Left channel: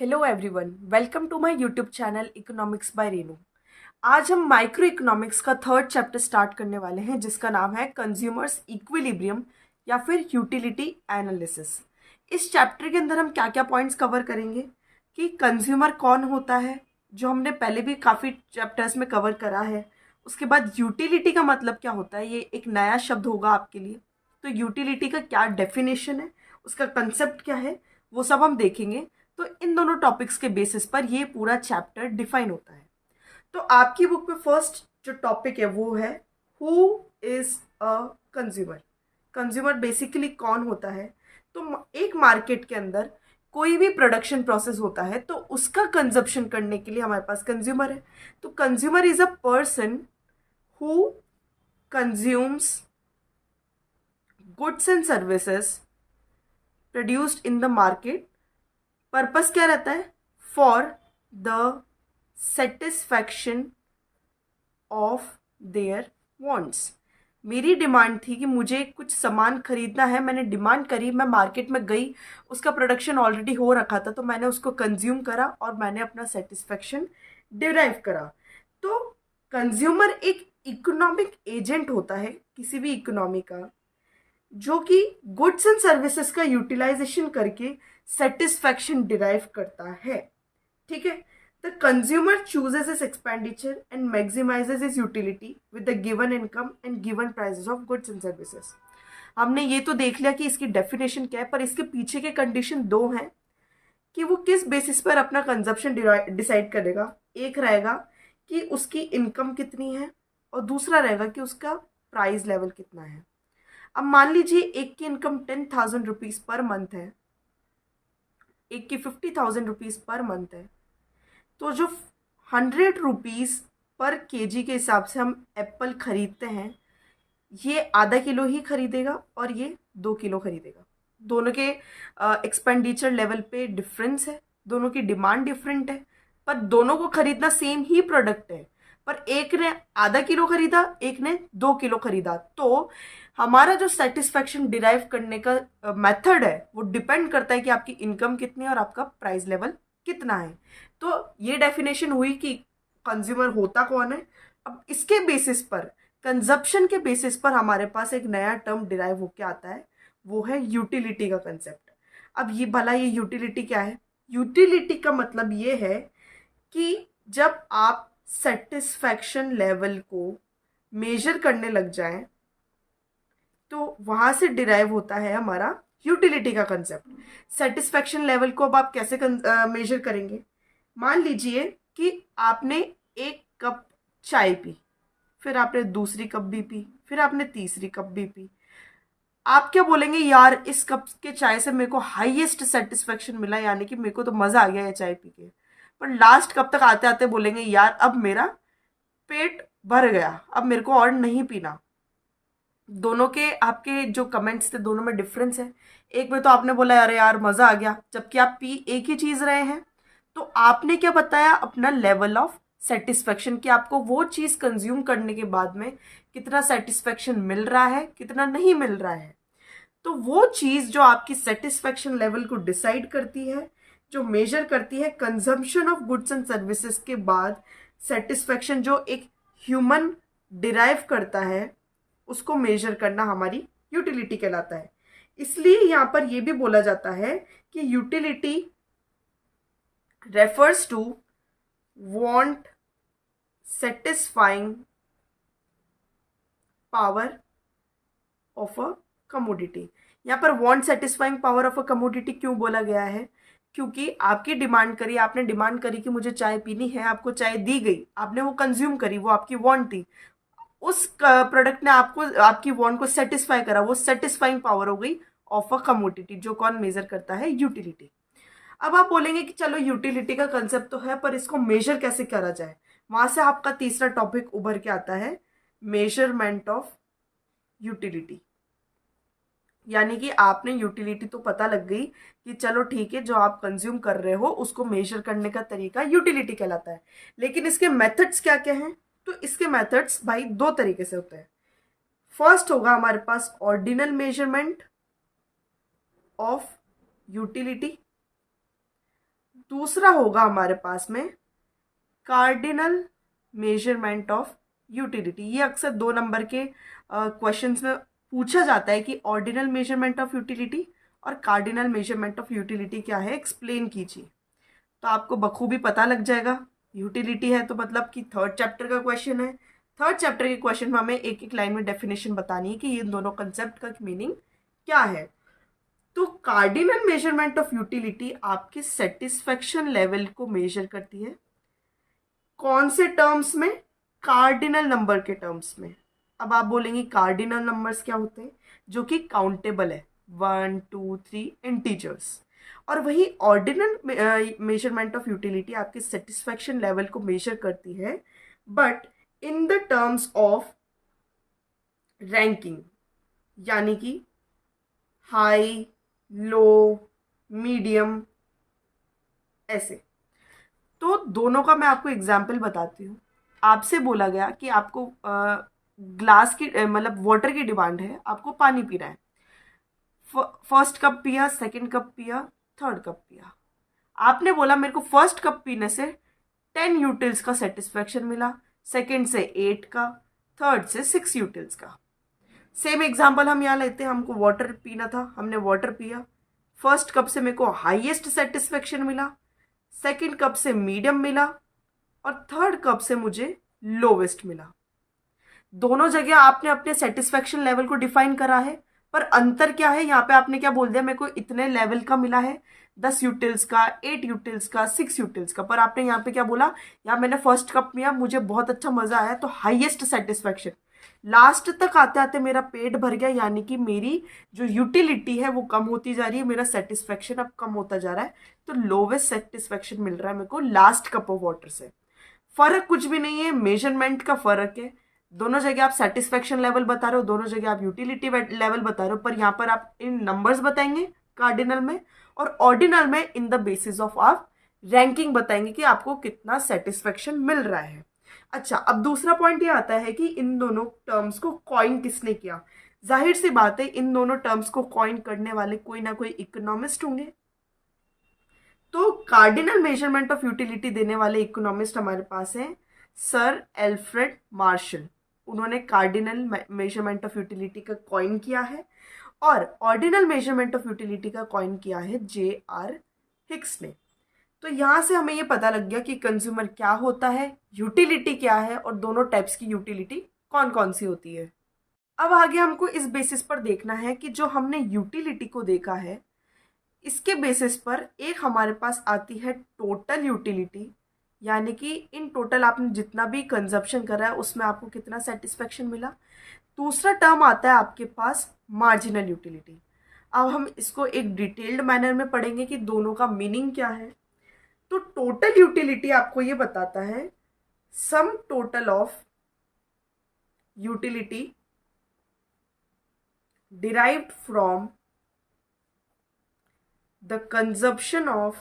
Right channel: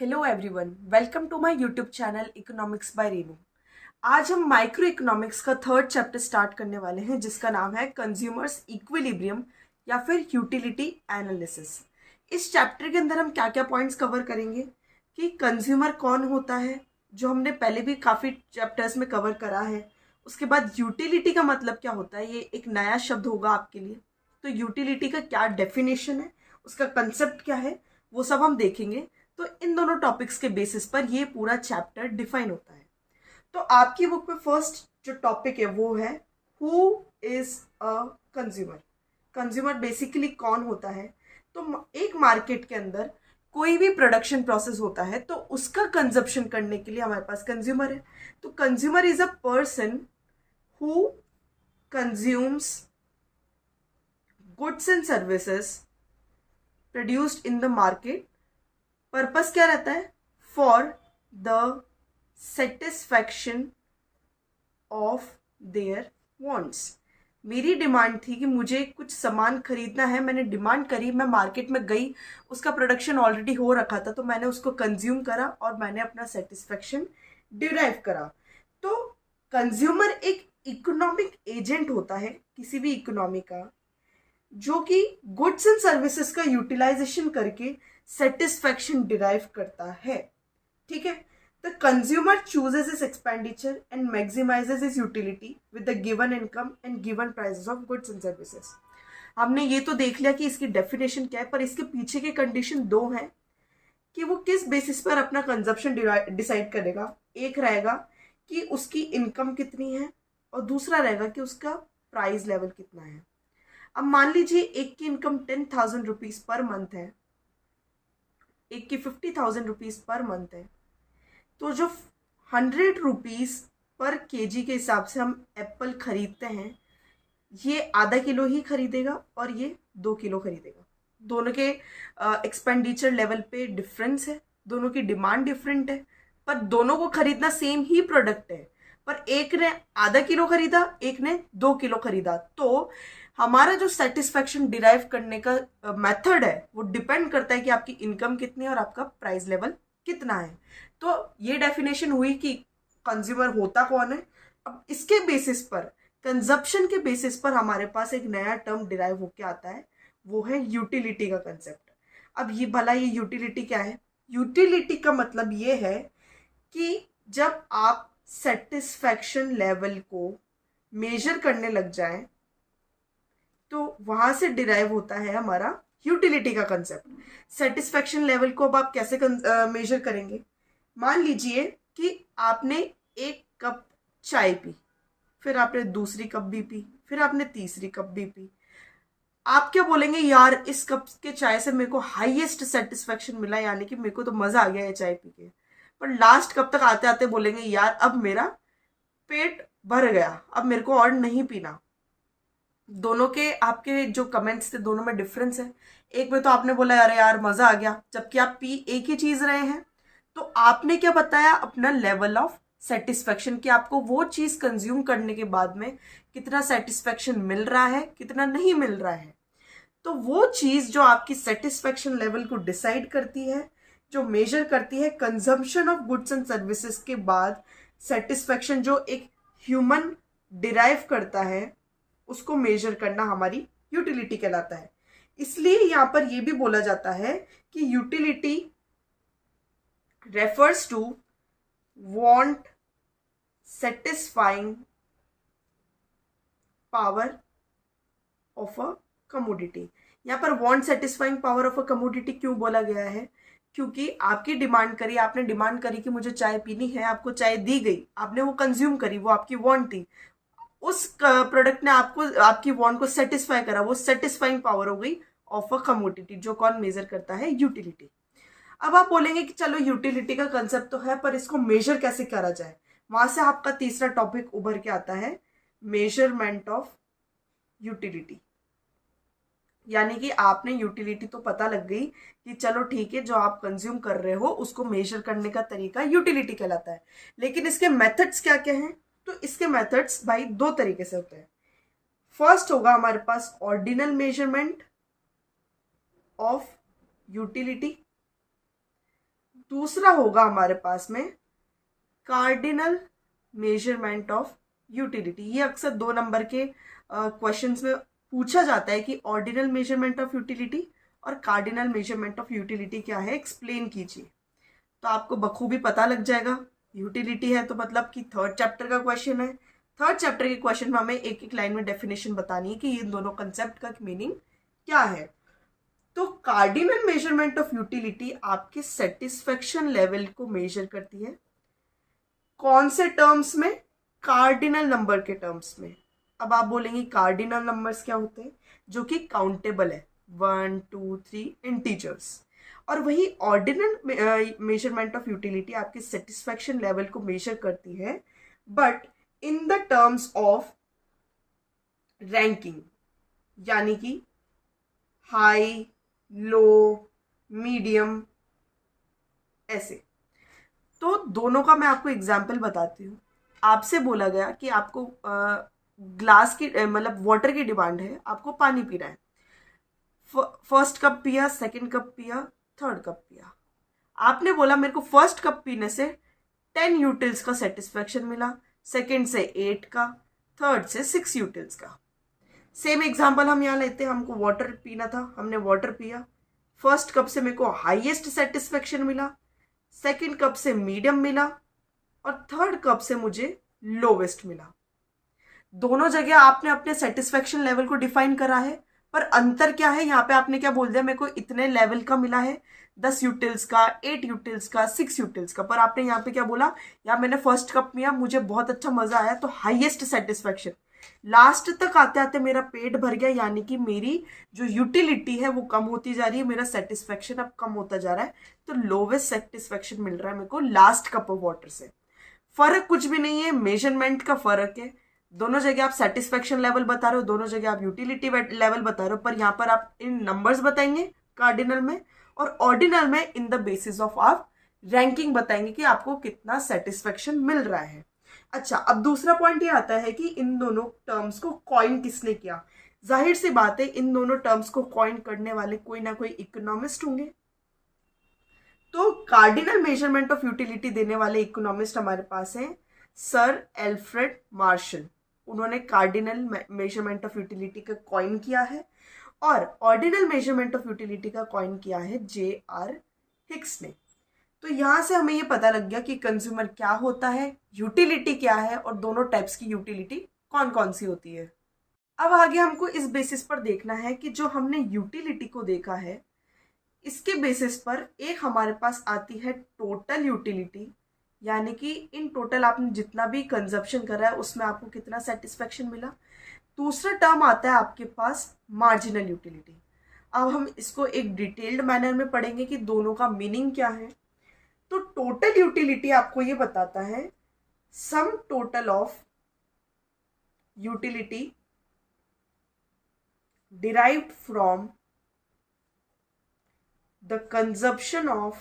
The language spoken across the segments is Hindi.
Hello everyone, welcome to my YouTube channel economics by Renu. आज हम माइक्रो इकोनॉमिक्स का थर्ड चैप्टर स्टार्ट करने वाले हैं जिसका नाम है कंज्यूमर्स इक्विलिब्रियम या फिर यूटिलिटी एनालिसिस। इस चैप्टर के अंदर हम क्या क्या पॉइंट्स कवर करेंगे कि कंज्यूमर कौन होता है, जो हमने पहले भी काफ़ी चैप्टर्स में कवर करा है। उसके बाद यूटिलिटी का मतलब क्या होता है, ये एक नया शब्द होगा आपके लिए। तो यूटिलिटी का क्या डेफिनेशन है, उसका कंसेप्ट क्या है, वो सब हम देखेंगे। तो इन दोनों टॉपिक्स के बेसिस पर ये पूरा चैप्टर डिफाइन होता है। तो आपकी बुक में फर्स्ट जो टॉपिक है वो है who is a consumer. Consumer basically कौन होता है। तो एक मार्केट के अंदर कोई भी प्रोडक्शन प्रोसेस होता है तो उसका कंजप्शन करने के लिए हमारे पास कंज्यूमर है। तो consumer is a person who consumes goods and services produced in the market. Purpose क्या रहता है? For the satisfaction of their wants. मेरी डिमांड थी कि मुझे कुछ सामान खरीदना है, मैंने डिमांड करी, मैं मार्केट में गई, उसका प्रोडक्शन ऑलरेडी हो रखा था तो मैंने उसको कंज्यूम करा और मैंने अपना सेटिस्फैक्शन डिराइव करा। तो कंज्यूमर एक इकोनॉमिक एजेंट होता है किसी भी इकोनॉमी का, जो कि गुड्स एंड सर्विसेज का यूटिलाइजेशन करके सेटिस्फैक्शन डिराइव करता है। ठीक है। The consumer chooses is expenditure and maximises is utility with the given income and given prices of goods and services. हमने ये तो देख लिया कि इसकी डेफिनेशन क्या है, पर इसके पीछे के कंडीशन दो हैं कि वो किस बेसिस पर अपना कंजप्शन डिसाइड करेगा। एक रहेगा कि उसकी इनकम कितनी है और दूसरा रहेगा कि उसका प्राइस लेवल कितना है। अब मान लीजिए एक की इनकम 10,000 रुपीज पर मंथ है, एक की 50,000 रुपीज पर मंथ है। तो जो 100 रुपीज पर केजी के हिसाब से हम एप्पल खरीदते हैं, ये आधा किलो ही खरीदेगा और ये 2 किलो खरीदेगा। दोनों के एक्सपेंडिचर लेवल पे डिफरेंस है, दोनों की डिमांड डिफरेंट है, पर दोनों को खरीदना सेम ही प्रोडक्ट है। पर एक ने आधा किलो खरीदा, एक ने 2 किलो खरीदा। तो हमारा जो सेटिस्फैक्शन डिराइव करने का मेथड है वो डिपेंड करता है कि आपकी इनकम कितनी है और आपका प्राइस लेवल कितना है। तो ये डेफिनेशन हुई कि कंज्यूमर होता कौन है। अब इसके बेसिस पर, कंजप्शन के बेसिस पर हमारे पास एक नया टर्म डिराइव होके आता है, वो है यूटिलिटी का कंसेप्ट। अब ये यूटिलिटी क्या है? यूटिलिटी का मतलब ये है कि जब आप सेटिस्फैक्शन लेवल को मेजर करने लग जाएं तो वहां से डिराइव होता है हमारा यूटिलिटी का कंसेप्ट। सेटिस्फैक्शन लेवल को अब आप कैसे मेजर करेंगे? मान लीजिए कि आपने एक कप चाय पी, फिर आपने दूसरी कप भी पी, फिर आपने तीसरी कप भी पी। आप क्या बोलेंगे? यार इस कप के चाय से मेरे को हाईएस्ट सेटिस्फेक्शन मिला, यानी कि मेरे को तो मजा आ गया है चाय पी के। पर लास्ट कप तक आते आते बोलेंगे यार अब मेरा पेट भर गया, अब मेरे को और नहीं पीना। दोनों के आपके जो कमेंट्स थे दोनों में डिफरेंस है। एक में तो आपने बोला अरे यार मजा आ गया, जबकि आप पी एक ही चीज रहे हैं। तो आपने क्या बताया? अपना लेवल ऑफ सेटिस्फेक्शन, कि आपको वो चीज कंज्यूम करने के बाद में कितना सेटिस्फेक्शन मिल रहा है, कितना नहीं मिल रहा है। तो वो चीज जो आपकी सेटिस्फेक्शन लेवल को डिसाइड करती है, जो मेजर करती है consumption of goods and services के बाद सेटिस्फेक्शन जो एक ह्यूमन डिराइव करता है, उसको मेजर करना हमारी यूटिलिटी कहलाता है। इसलिए यहां पर यह भी बोला जाता है कि utility refers to want satisfying power of a commodity. यहां पर want satisfying power of a commodity क्यों बोला गया है? क्योंकि आपकी डिमांड करी, आपने डिमांड करी कि मुझे चाय पीनी है, आपको चाय दी गई, आपने वो कंज्यूम करी, वो आपकी वांट थी। उस प्रोडक्ट ने आपको आपकी वांट को सेटिस्फाई करा, वो सेटिस्फाइंग पावर हो गई ऑफ अ कमोडिटी, जो कौन मेजर करता है? यूटिलिटी। अब आप बोलेंगे कि चलो यूटिलिटी का कंसेप्ट तो है, पर इसको मेजर कैसे करा जाए? वहां से आपका तीसरा टॉपिक उभर के आता है, मेजरमेंट ऑफ यूटिलिटी। यानी कि आपने यूटिलिटी तो पता लग गई कि चलो ठीक है, जो आप कंज्यूम कर रहे हो उसको मेजर करने का तरीका यूटिलिटी कहलाता है। लेकिन इसके मेथड्स क्या क्या हैं? तो इसके मेथड्स भाई दो तरीके से होते हैं। फर्स्ट होगा हमारे पास ऑर्डिनल मेजरमेंट ऑफ यूटिलिटी। दूसरा होगा हमारे पास में कार्डिनल मेजरमेंट ऑफ यूटिलिटी। ये अक्सर 2 नंबर के क्वेश्चंस में पूछा जाता है कि ऑर्डिनल मेजरमेंट ऑफ यूटिलिटी और कार्डिनल मेजरमेंट ऑफ यूटिलिटी क्या है, एक्सप्लेन कीजिए। तो आपको बखूबी पता लग जाएगा। यूटिलिटी है तो मतलब कि 3rd चैप्टर का क्वेश्चन है। 3rd चैप्टर के क्वेश्चन में हमें एक एक लाइन में डेफिनेशन बतानी है कि इन दोनों कंसेप्ट का मीनिंग क्या है। तो कार्डिनल मेजरमेंट ऑफ यूटिलिटी आपके सेटिस्फेक्शन लेवल को मेजर करती है। कौन से टर्म्स में? कार्डिनल नंबर के टर्म्स में। अब आप बोलेंगे कार्डिनल नंबर्स क्या होते हैं? जो कि काउंटेबल है, 1 2 3 इंटीजर्स। और वही ऑर्डिनल मेजरमेंट ऑफ यूटिलिटी आपके सेटिस्फेक्शन लेवल को मेजर करती है, but in the terms of ranking, यानी कि हाई, लो, मीडियम, ऐसे। तो दोनों का मैं आपको एग्जाम्पल बताती हूँ। आपसे बोला गया कि आपको ग्लास की मतलब वाटर की डिमांड है, आपको पानी पीना है। फर्स्ट कप पिया, सेकंड कप पिया, थर्ड कप पिया। आपने बोला मेरे को फर्स्ट कप पीने से 10 यूटिल्स का सेटिस्फेक्शन मिला, सेकंड से 8 का, थर्ड से 6 यूटिल्स का। सेम एग्जाम्पल हम यहाँ लेते हैं। हमको वाटर पीना था, हमने वाटर पिया। फर्स्ट कप से मेरे को हाईएस्ट सेटिस्फेक्शन मिला, सेकंड कप से मीडियम मिला और थर्ड कप से मुझे लोवेस्ट मिला। दोनों जगह आपने अपने सेटिस्फेक्शन लेवल को डिफाइन करा है, पर अंतर क्या है? यहाँ पे आपने क्या बोल दिया, मेरे को इतने लेवल का मिला है, 10 यूटिल्स का, 8 यूटिल्स का, 6 यूटिल्स का। पर आपने यहाँ पे क्या बोला, यार मैंने फर्स्ट कप पिया, मुझे बहुत अच्छा मजा आया, तो हाईएस्ट सेटिस्फेक्शन। लास्ट तक आते आते मेरा पेट भर गया, यानी कि मेरी जो यूटिलिटी है वो कम होती जा रही है, मेरा सेटिस्फेक्शन अब कम होता जा रहा है। तो लोवेस्ट सेटिस्फेक्शन मिल रहा है मेरे को लास्ट कप ऑफ वाटर से। फर्क कुछ भी नहीं है, मेजरमेंट का फर्क है। दोनों जगह आप सेटिस्फेक्शन लेवल बता रहे हो, दोनों जगह आप यूटिलिटी लेवल बता रहे हो, पर यहाँ पर आप इन नंबर्स बताएंगे कार्डिनल में, और ऑर्डिनल में इन द बेसिस ऑफ आप रैंकिंग बताएंगे कि आपको कितना सेटिस्फेक्शन मिल रहा है। अच्छा, अब दूसरा पॉइंट ये आता है कि इन दोनों टर्म्स को कॉइन किसने किया। जाहिर सी बात है, इन दोनों टर्म्स को कॉइन करने वाले कोई ना कोई इकोनॉमिस्ट होंगे। तो कार्डिनल मेजरमेंट ऑफ यूटिलिटी देने वाले इकोनॉमिस्ट हमारे पास हैं सर एल्फ्रेड मार्शल। उन्होंने कार्डिनल मेजरमेंट ऑफ यूटिलिटी का कॉइन किया है, और ऑर्डिनल मेजरमेंट ऑफ यूटिलिटी का कॉइन किया है J.R. हिक्स ने। तो यहां से हमें ये पता लग गया कि कंज्यूमर क्या होता है, यूटिलिटी क्या है, और दोनों टाइप्स की यूटिलिटी कौन कौन सी होती है। अब आगे हमको इस बेसिस पर देखना है कि जो हमने यूटिलिटी को देखा है, इसके बेसिस पर एक हमारे पास आती है टोटल यूटिलिटी, यानी कि इन टोटल आपने जितना भी कंजप्शन करा है उसमें आपको कितना सेटिस्फेक्शन मिला। दूसरा टर्म आता है आपके पास मार्जिनल यूटिलिटी। अब हम इसको एक डिटेल्ड मैनर में पढ़ेंगे कि दोनों का मीनिंग क्या है। तो टोटल यूटिलिटी आपको ये बताता है sum total of utility derived from the consumption of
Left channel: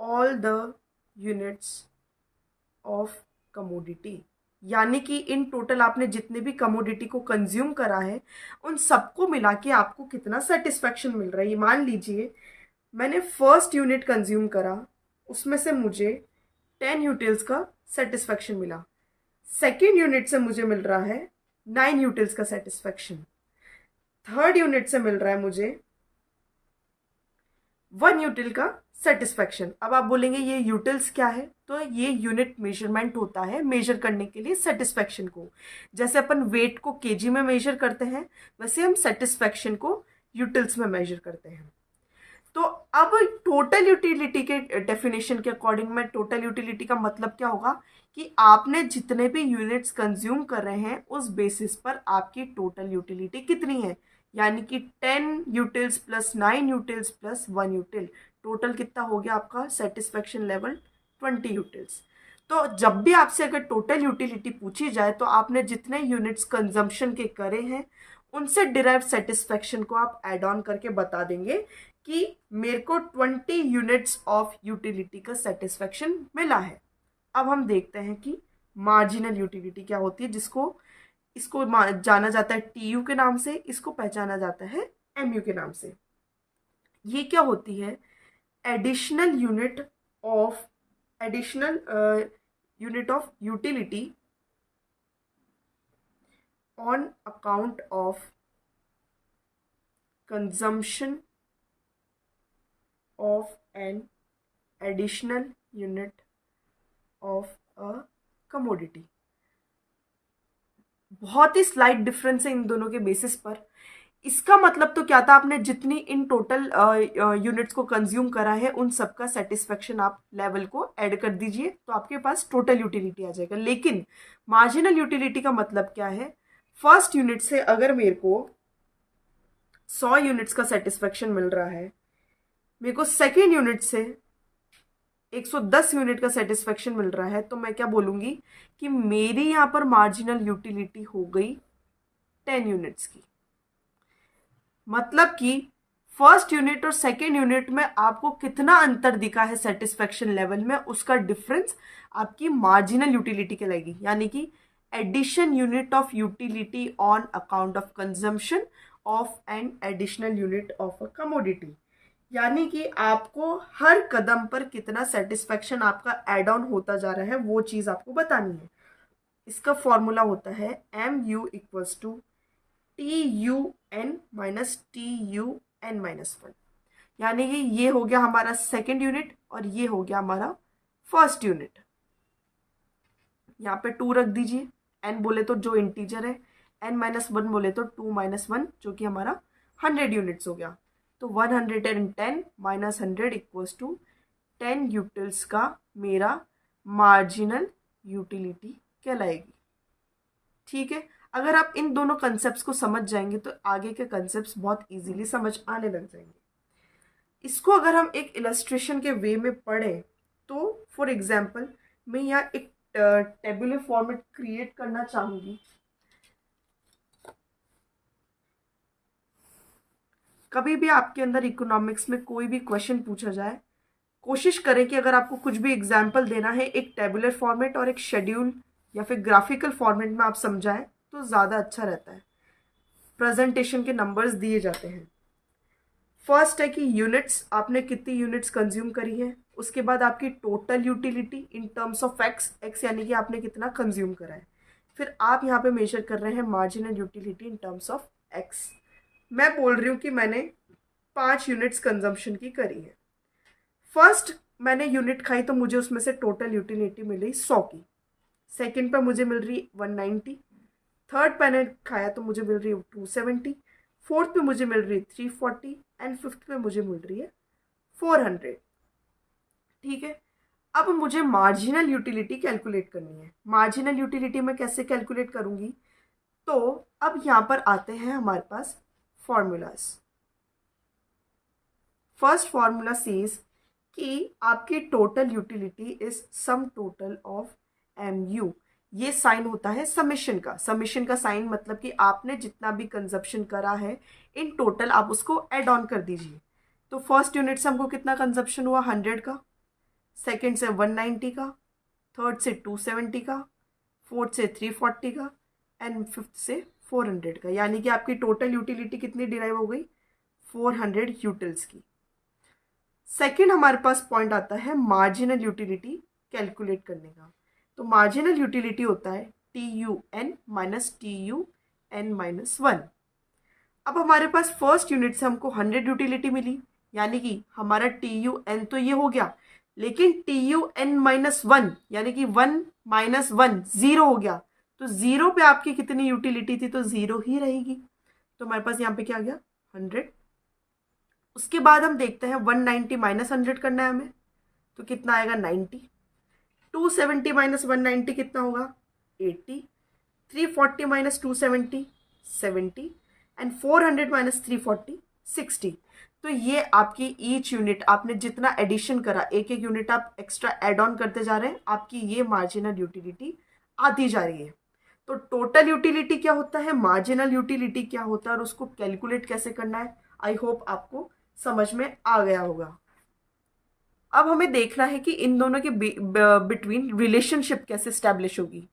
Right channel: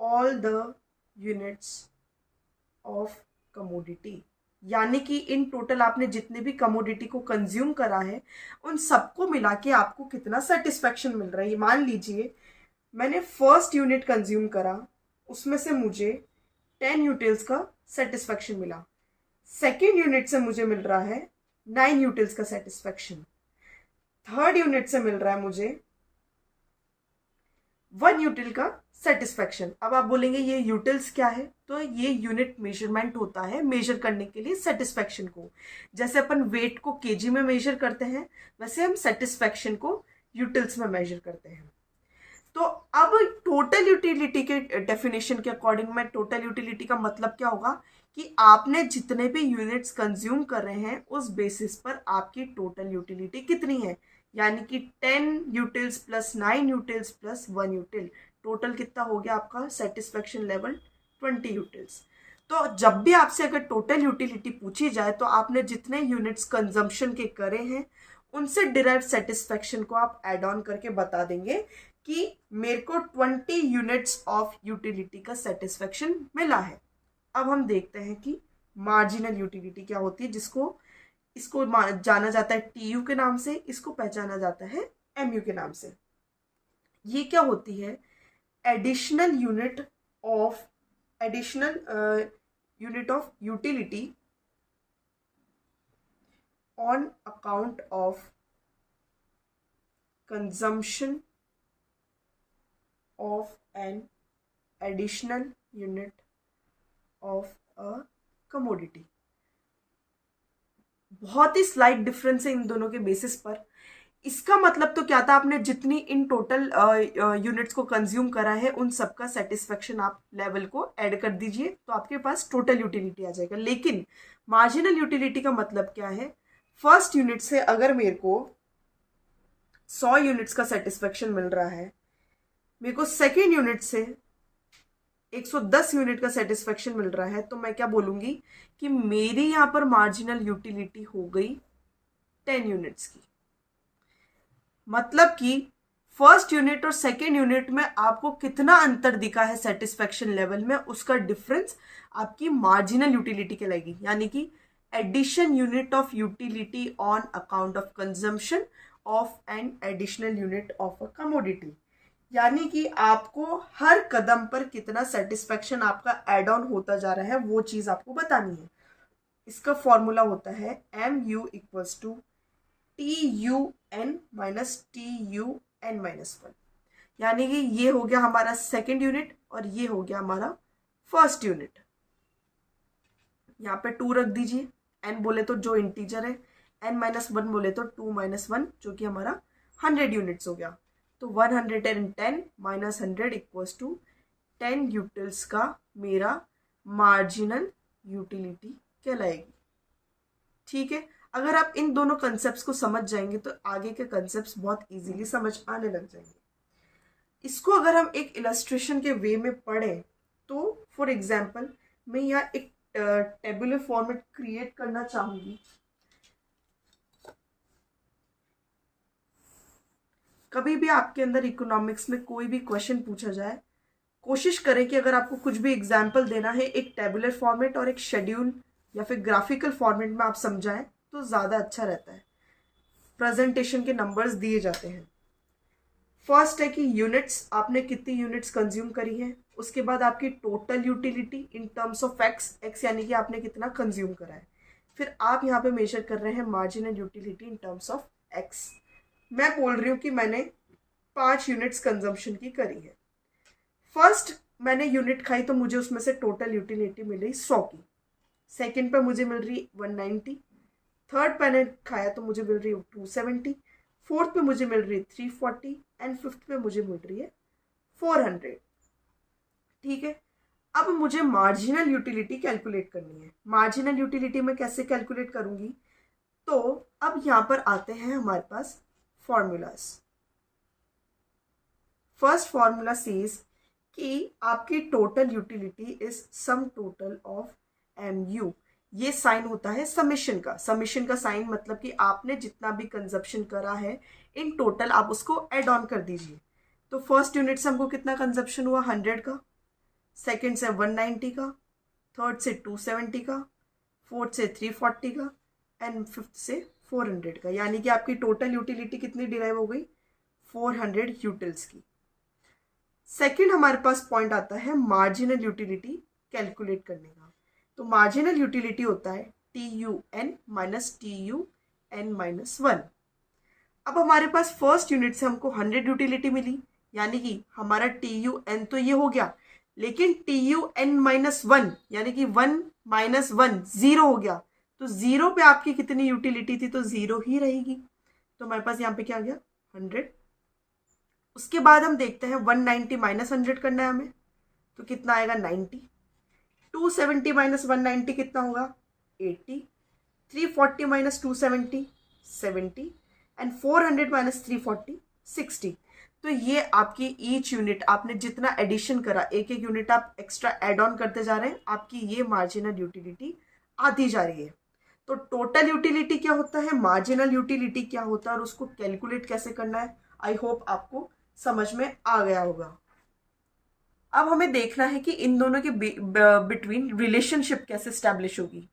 all the units of commodity। यानी कि इन टोटल आपने जितने भी कमोडिटी को कंज्यूम करा है, उन सबको मिला के आपको कितना सेटिस्फेक्शन मिल रहा है। मान लीजिए मैंने फर्स्ट यूनिट कंज्यूम करा, उसमें से मुझे 10 यूटिल्स का सेटिस्फेक्शन मिला। सेकेंड यूनिट से मुझे मिल रहा है 9 यूटिल्स का सेटिस्फेक्शन। थर्ड यूनिट से मिल रहा है मुझे 1 यूटिल का सेटिस्फेक्शन। अब आप बोलेंगे ये यूटिल्स क्या है, तो ये यूनिट मेजरमेंट होता है मेजर करने के लिए सेटिस्फेक्शन को। जैसे अपन वेट को केजी में मेजर करते हैं, वैसे हम सेटिस्फेक्शन को यूटिल्स में मेजर करते हैं। तो अब टोटल यूटिलिटी के डेफिनेशन के अकॉर्डिंग में टोटल यूटिलिटी का मतलब क्या होगा कि आपने जितने भी यूनिट्स कंज्यूम कर रहे हैं उस बेसिस पर आपकी टोटल यूटिलिटी कितनी है, यानी कि 10 utils plus 9 utils plus 1 यूटिल, total कितना हो गया आपका सेटिस्फेक्शन लेवल 20 यूटिल्स। तो जब भी आपसे अगर टोटल यूटिलिटी पूछी जाए तो आपने जितने यूनिट्स कंजम्पशन के करे हैं उनसे डिराइव सेटिस्फेक्शन को आप एड ऑन करके बता देंगे कि मेरे को 20 यूनिट्स ऑफ यूटिलिटी का सेटिस्फेक्शन मिला है। अब हम देखते हैं कि मार्जिनल यूटिलिटी क्या होती है, इसको जाना जाता है टीयू के नाम से, इसको पहचाना जाता है एमयू के नाम से। ये क्या होती है additional unit of utility on account of consumption of an additional unit of a commodity. बहुत ही स्लाइट डिफरेंस है इन दोनों के बेसिस पर। इसका मतलब तो क्या था, आपने जितनी इन टोटल यूनिट्स को कंज्यूम करा है उन सबका सेटिस्फेक्शन आप लेवल को ऐड कर दीजिए तो आपके पास टोटल यूटिलिटी आ जाएगा। लेकिन मार्जिनल यूटिलिटी का मतलब क्या है, फर्स्ट यूनिट से अगर मेरे को 100 यूनिट्स का सेटिस्फेक्शन मिल रहा है, मेरे को सेकेंड यूनिट से 110 यूनिट का सेटिस्फेक्शन मिल रहा है, तो मैं क्या बोलूंगी कि मेरी यहां पर मार्जिनल यूटिलिटी हो गई 10 यूनिट्स की। मतलब कि फर्स्ट यूनिट और सेकेंड यूनिट में आपको कितना अंतर दिखा है सेटिस्फेक्शन लेवल में, उसका डिफरेंस आपकी मार्जिनल यूटिलिटी कहलाएगी, यानी कि addition unit of utility on account of consumption of an additional unit of a commodity. यानी कि आपको हर कदम पर कितना सेटिस्फेक्शन आपका एड ऑन होता जा रहा है वो चीज आपको बतानी है। इसका फॉर्मूला होता है MU equals to TUN minus TUN minus 1। यानी कि ये हो गया हमारा सेकेंड यूनिट और ये हो गया हमारा फर्स्ट यूनिट। यहाँ पे 2 रख दीजिए, n बोले तो जो इंटीजर है, n माइनस 1 बोले तो 2 माइनस 1 जो कि हमारा 100 यूनिट्स हो गया। तो 110 माइनस 100 इक्वल्स टू 10 यूटिल्स का मेरा मार्जिनल यूटिलिटी कहलाएगी। ठीक है, अगर आप इन दोनों कंसेप्ट्स को समझ जाएंगे तो आगे के कंसेप्ट्स बहुत इजीली समझ आने लग जाएंगे। इसको अगर हम एक इलस्ट्रेशन के वे में पढ़ें तो फॉर एग्जाम्पल मैं यहाँ एक टेबुलर फॉर्मेट क्रिएट करना चाहूंगी। कभी भी आपके अंदर इकोनॉमिक्स में कोई भी क्वेश्चन पूछा जाए, कोशिश करें कि अगर आपको कुछ भी एग्जाम्पल देना है एक टेबुलर फॉर्मेट और एक शेड्यूल या फिर ग्राफिकल फॉर्मेट में आप समझाएं तो ज़्यादा अच्छा रहता है। प्रेजेंटेशन के नंबर्स दिए जाते हैं। फर्स्ट है कि यूनिट्स, आपने कितनी यूनिट्स कंज्यूम करी है, उसके बाद आपकी total utility in terms of x यानी कि आपने कितना कंज्यूम करा है, फिर आप यहाँ पे मेजर कर रहे हैं marginal utility in terms of x. मैं बोल रही हूँ कि मैंने 5 यूनिट्स कंजम्पशन की करी है। फर्स्ट मैंने यूनिट खाई तो मुझे उसमें से टोटल यूटिलिटी मिली 100 की। सेकेंड पे मुझे मिल रही 190, थर्ड मैंने खाया तो मुझे मिल रही है 270, फोर्थ पे मुझे मिल रही है 340 एंड फिफ्थ पे मुझे मिल रही है 400। ठीक है, अब मुझे मार्जिनल यूटिलिटी कैलकुलेट करनी है। मार्जिनल यूटिलिटी मैं कैसे कैलकुलेट करूंगी, तो अब यहां पर आते हैं हमारे पास फॉर्मूलाज। फर्स्ट फॉर्मूला सेज कि आपकी total utility is sum total of MU। ये साइन होता है समेशन का। समेशन का साइन मतलब कि आपने जितना भी कंजप्शन करा है इन टोटल आप उसको ऐड ऑन कर दीजिए। तो फर्स्ट यूनिट से हमको कितना कंजप्शन हुआ 100 का, सेकेंड से 190 का, थर्ड से 270 का, फोर्थ से 340 का एंड फिफ्थ से 400 का। यानी कि आपकी टोटल यूटिलिटी कितनी डिराइव हो गई 400 यूटिल्स की। सेकेंड हमारे पास पॉइंट आता है मार्जिनल यूटिलिटी कैलकुलेट करने का। तो मार्जिनल यूटिलिटी होता है TUN माइनस TUN माइनस 1। अब हमारे पास फर्स्ट यूनिट से हमको 100 यूटिलिटी मिली, यानी कि हमारा TUN तो ये हो गया, लेकिन TUN माइनस 1 यानी कि 1 माइनस 1 0 हो गया। तो 0 पे आपकी कितनी यूटिलिटी थी, तो 0 ही रहेगी। तो हमारे पास यहाँ पे क्या आ गया 100। उसके बाद हम देखते हैं 190 माइनस 100 करना है हमें, तो कितना आएगा 90। 270 माइनस 190 कितना होगा 80। 340 माइनस 270 70 एंड 400 माइनस 340 60। तो ये आपकी ईच यूनिट आपने जितना एडिशन करा, एक एक यूनिट आप एक्स्ट्रा एड ऑन करते जा रहे हैं, आपकी ये मार्जिनल यूटिलिटी आती जा रही है। तो टोटल यूटिलिटी क्या होता है, मार्जिनल यूटिलिटी क्या होता है और उसको कैलकुलेट कैसे करना है, आई होप आपको समझ में आ गया होगा। अब हमें देखना है कि इन दोनों के बिटवीन रिलेशनशिप कैसे स्टैब्लिश होगी।